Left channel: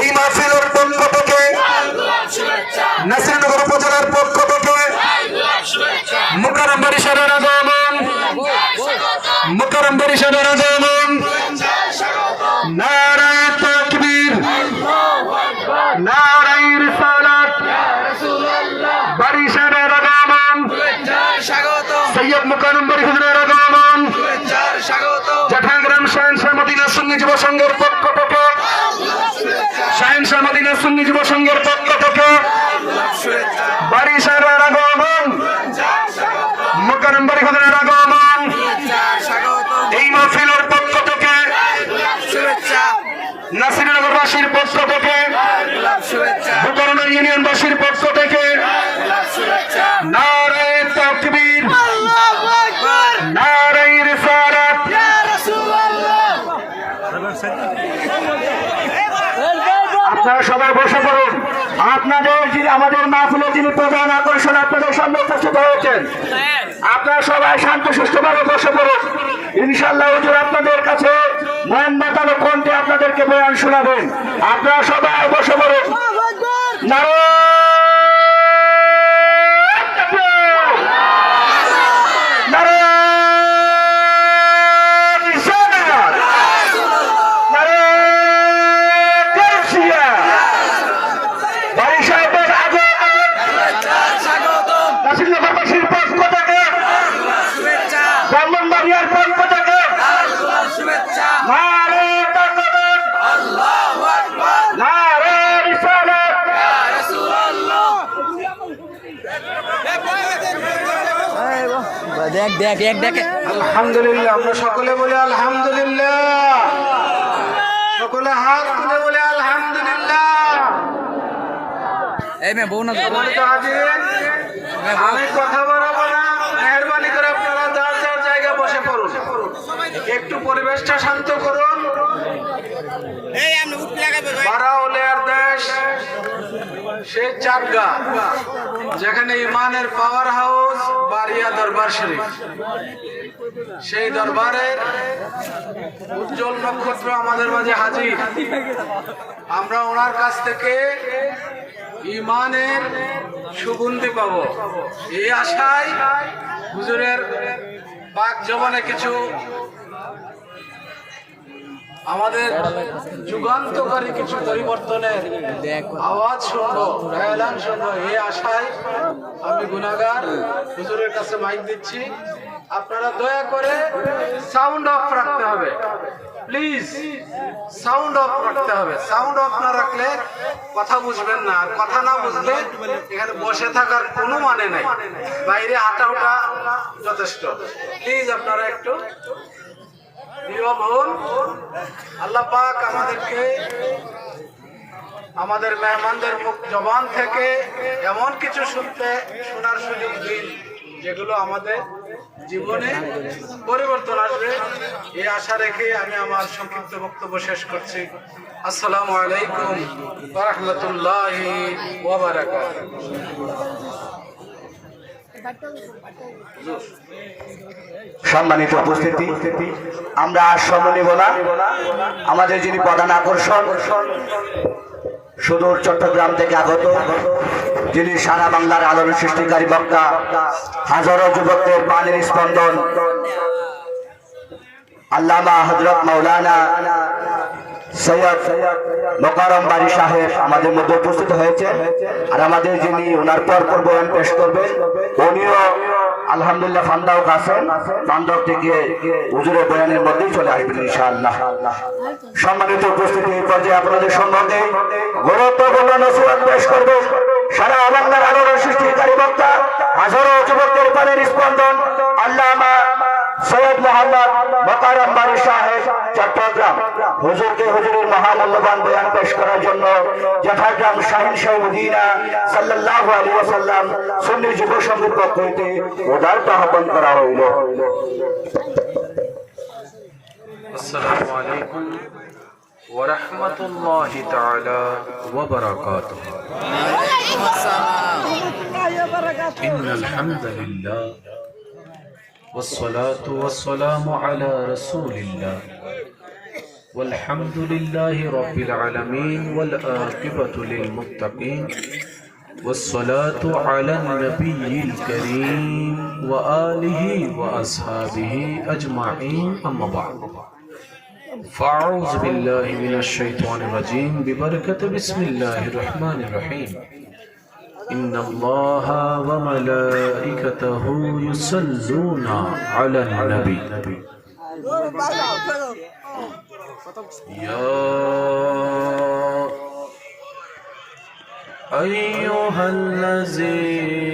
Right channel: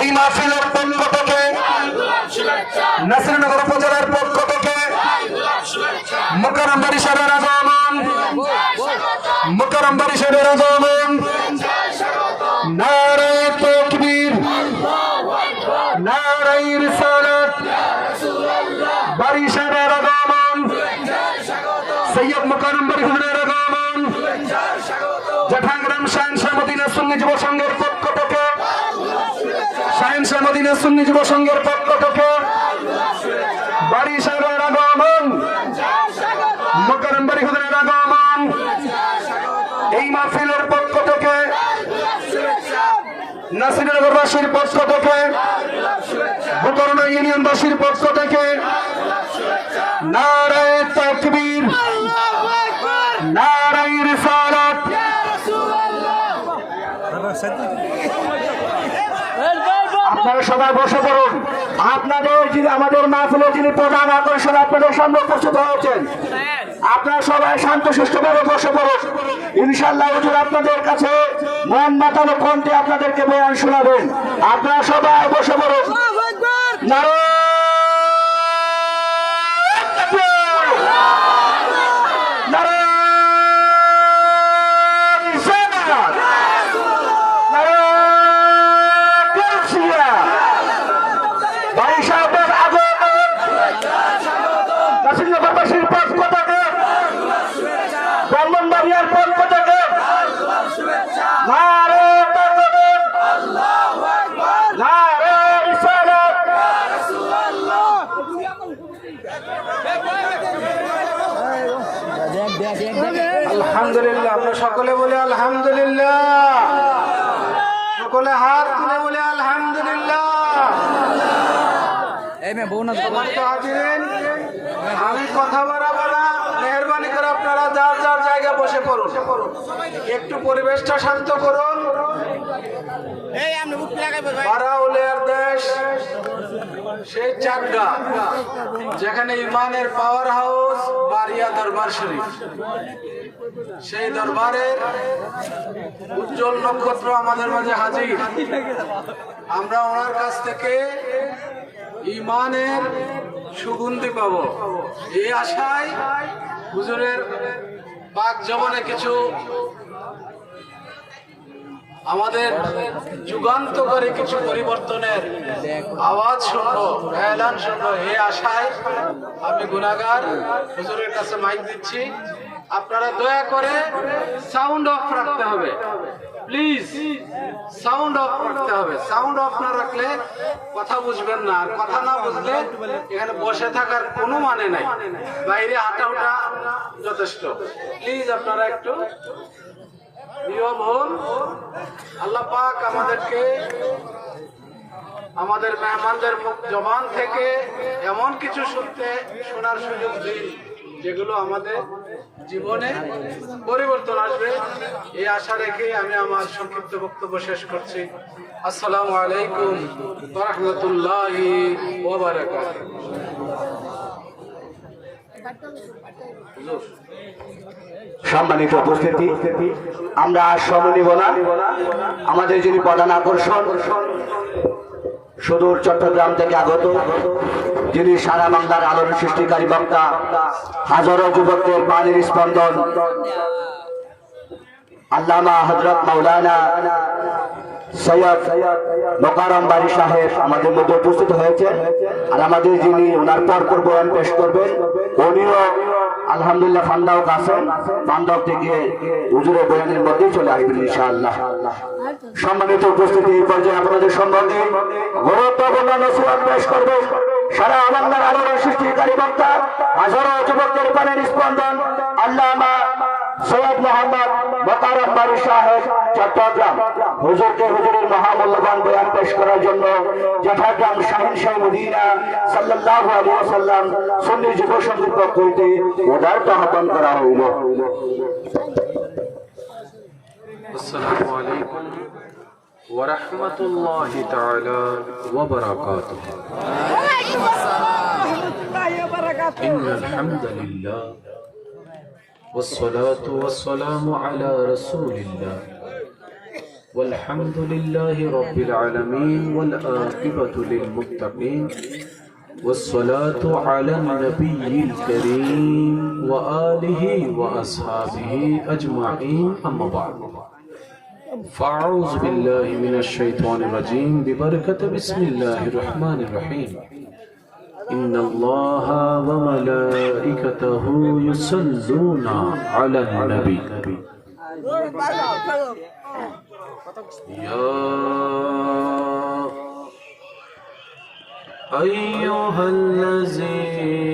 এই মাহফিলের পক্ষ থেকে নাসিরনগর উপজেলার পক্ষ থেকে মুকররম বরিশালের আগমন মুকররম বরিশালের আগমন নারায় তাকবীর নারায় রিসালাত। বরিশালের আগমন। সৈয়দ মুকাররম বরিশালের আগমন। জাঠাগ্রাম শাহিন শাহ মদিনা সুন্নি যুব সংঘের পক্ষ থেকে। শাহিন শাহ মদিনা সুন্নি যুব সংঘের পক্ষ থেকে। বরিশালের আগমন। পক্ষ থেকে নাসিরনগরবাসীর পক্ষ থেকে বুকারনা ইউনিয়নবাসীর পক্ষ থেকে নারায় তাকবীর আপনারা সবাই বসে পড়ুন। আপনাদের যিনি আমাদের মাহফিলের যিনি প্রধান আকর্ষণ, আপনাদের সামনে উপস্থিত হয়েছেন। আপনারা সবাই শান্ত, সুস্থভাবে বসে পড়ুন। ইনশাল্লাহ হুজুর আপনাদের কাছে মন মাতানো কণ্ঠে আপনাদেরকে বয়ান শোনাবেন। আপনারা সবাই বসে পড়ুন নারে নারে রিসালাত নারে গাউসিয়া বাড়ি সাহেবের আগমন নাসিরনগরবাসীর পক্ষ থেকে ব্রাহ্মণবাড়িয়ার পক্ষ থেকে। দেখ দেখ দেখ আলহামদুলিল্লাহ আমরা সকলে বলি আলহামদুলিল্লাহ। সকলে হাত তুলে বলে আলহামদুলিল্লাহ। এই মে বউ না তো। সম্মানিত হাজিরিন, আমি কথা বলব না। মেহরবানি করে আপনারা যার জায়গায় বসে পড়ুন। একটু পরিবেশটা শান্ত করুন। বারাউলিয়ার দেশ সেই চাকদা যেখানে ইমানের পাওয়ার হাউস বারিয়া দরবার শরীফ। সেই দরবারের উজ্জ্বল নক্ষত্র আমাদের মাঝে হাজির। আমরা ওনার কাছ থেকে ইমানের সুগন্ধি পাবো। এই আশায় হুজুরের বাক জমানে কিছু আমাদের যুগান্তকারী কিছু পরিবর্তনের আওয়াজ শুনব, এলান শুনব। এ আশায় আমি গুণাগার, হুজুরের কাছে মাইক দিচ্ছি। আপনারা দয়া করে সাউন্ড অফ রাখতে হবে। প্লিজ সাউন্ড অফ রাখতে হবে। সাউন্ড অফ না রাখলে কথা বুঝবেন না। আর কথা না বুঝলে এখানে বসে থাকার কোনো মানে নাই। বাইরে হাঁটা হাঁটা যথেষ্ট। প্লিজ আপনারা একটু প্রিয় ভোর আল্লাহ পাক আমাদেরকে আমাদের মেহমানদের মুখ জবান থেকে এমন কিছু শুনতে, শোনার সুযোগ দিন, যেগুলো আমাদের জীবনে পরিবর্তন আসবে। এই আশা রেখে আমি আমার সংক্ষিপ্ত বক্তব্য শেষ করছি। আসসালামু আলাইকুম রহমতুল্লাহি সম্মানিত উপস্থিতি, আমরা আর সময় নিব না। আমাদের যিনি প্রধান আকর্ষণ সুদূর চট্টগ্রাম থেকে আগত যিনি সারা বাংলার আলোর সৃষ্টিকারী বক্তা, হাজারো যুবকদের পানির স্পন্দন। আল্লামা হজরত মাওলানা সৈয়দ মোকারম বাড়ি সাহেব আমাদের মধ্যে উপস্থিত হয়েছে। আর আমাদের যিনি ওনার পর বয়ান পেশ করবেন, উনিও আলহামদুলিল্লাহ ফান্দাও আছেন। ফান্দাও থেকে হুজুরের বয়ানের মধ্যেই চলে আসবেন ইনশাআল্লাহ। সম্মানিত উপস্থিতি এই পর্যায়ে আপনাদের সম্বন্ধে পেশ করবে। সারা বাংলার আলোর সৃষ্টিকারী বক্তা হাজারো যুবকদের পানের স্পন্দন, আল্লামা সৈয়দ মোহাম্মদ মোকারম বাড়ি সাহেব, চট্টগ্রাম। হুজুরকে হুজুরের মহামূল্যবান বয়ান পেশ করার জন্য যথাগ্রাম শাহিন শাহ মদিনা সাল্লাল্লাহু আলাইহি ওয়াসাল্লাম সুন্নি যুব সংঘের পক্ষ হইতে উদারতা আহ্বান করা হইল। আসসালামু আলাইকুম। ورحمة الله تعالى وبركاته. إن الحمد لله والصلاة والسلام على رسول الله والحمد لله رب العالمين والآقبة للمتقين والصلاة على النبي الكريم وآله وأصحابه أجمعين أما بعد. فأعوذ بالله من الشيطان الرجيم. ببركة بسم الله الرحمن الرحيم. إن الله وملائكته يصلون على النبي. يا أيها الذين